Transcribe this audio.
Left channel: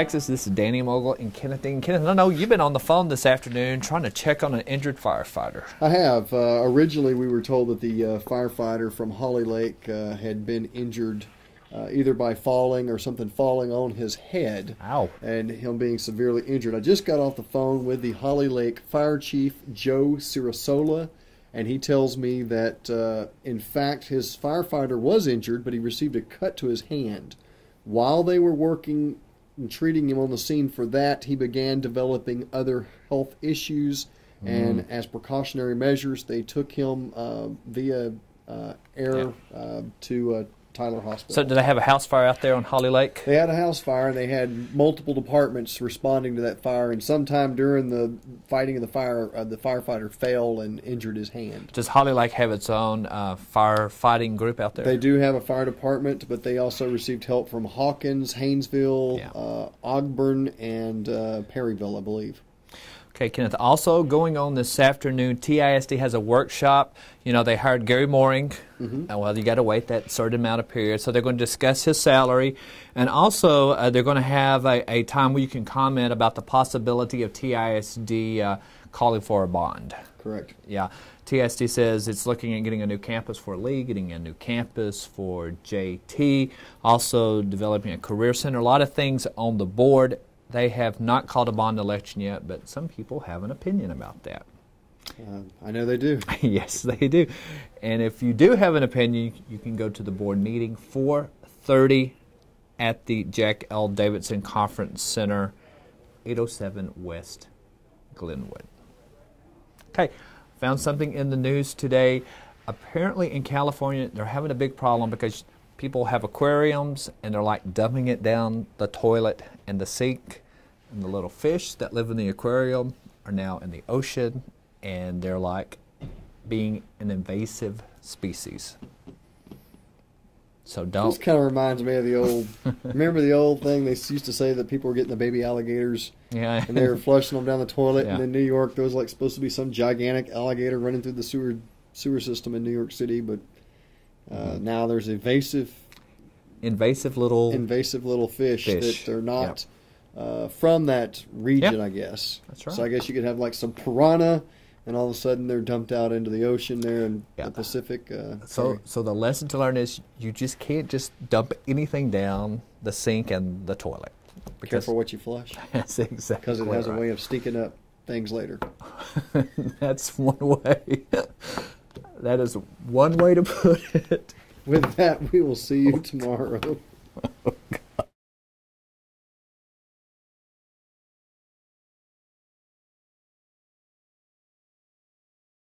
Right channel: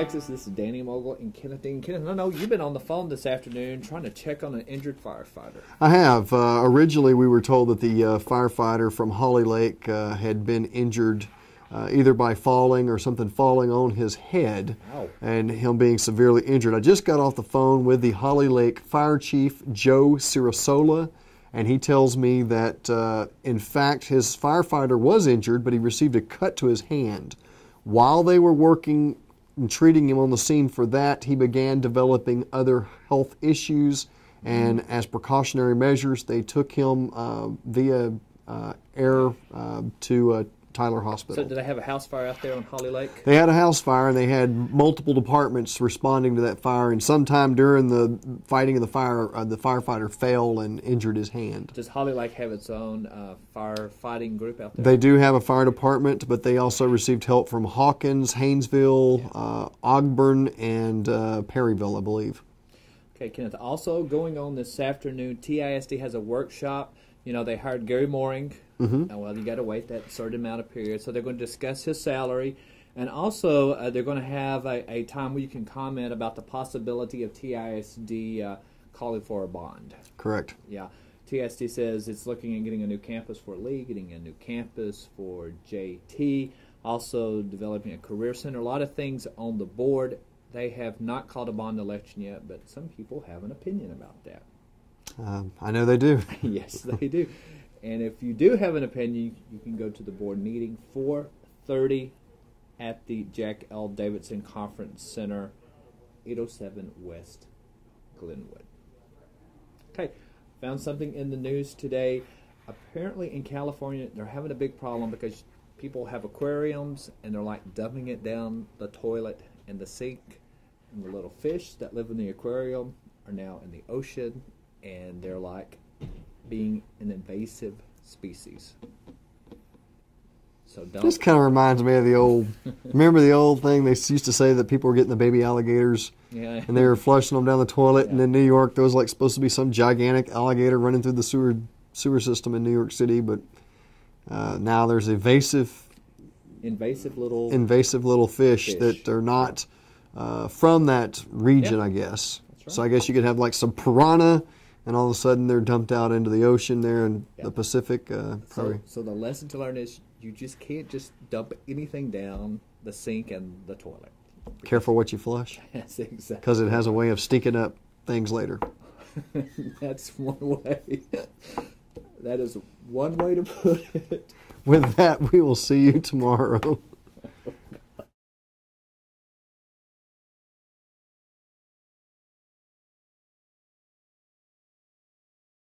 Texas. This is Danny Mogle and Kenneth. Kenneth, I know you've been on the phone this afternoon trying to check on an injured firefighter. I have. Originally, we were told that the firefighter from Holly Lake had been injured either by falling or something falling on his head. Ow. And him being severely injured. I just got off the phone with the Holly Lake Fire Chief, Joe Cirasola, and he tells me that, in fact, his firefighter was injured, but he received a cut to his hand. While they were working and treating him on the scene for that, he began developing other health issues, and as precautionary measures, they took him via air to Tyler Hospital. So did they have a house fire out there on Holly Lake? They had a house fire, and they had multiple departments responding to that fire, and sometime during the fighting of the fire, the firefighter fell and injured his hand. Does Holly Lake have its own firefighting group out there? They do have a fire department, but they also received help from Hawkins, Haynesville, Ogburn, and Perryville, I believe. Okay, Kenneth, also going on this afternoon, TISD has a workshop. You know, they hired Gary Mooring. Well, you got to wait that certain amount of period. So they're going to discuss his salary. And also, they're going to have a time where you can comment about the possibility of TISD calling for a bond. Correct. Yeah. TISD says it's looking at getting a new campus for Lee, getting a new campus for JT, also developing a career center, a lot of things on the board. They have not called a bond election yet, but some people have an opinion about that. I know they do. Yes, they do. And if you do have an opinion, you can go to the board meeting 4:30 at the Jack L. Davidson Conference Center, 807 West Glenwood. Okay, found something in the news today. Apparently in California, they're having a big problem because people have aquariums and they're like dumping it down the toilet and the sink, and the little fish that live in the aquarium are now in the ocean, and they're like being an invasive species. So don't. This kind of reminds me of the old, remember the old thing they used to say that people were getting the baby alligators, and they were flushing them down the toilet, and in New York there was like supposed to be some gigantic alligator running through the sewer system in New York City, but now there's invasive little fish that are not from that region, I guess. That's right. So I guess you could have like some piranha, and all of a sudden they're dumped out into the ocean there in the Pacific. So the lesson to learn is you just can't just dump anything down the sink and the toilet. Careful what you flush. That's exactly because it has a way of stinking up things later. That's one way. That is one way to put it. With that, we will see you tomorrow.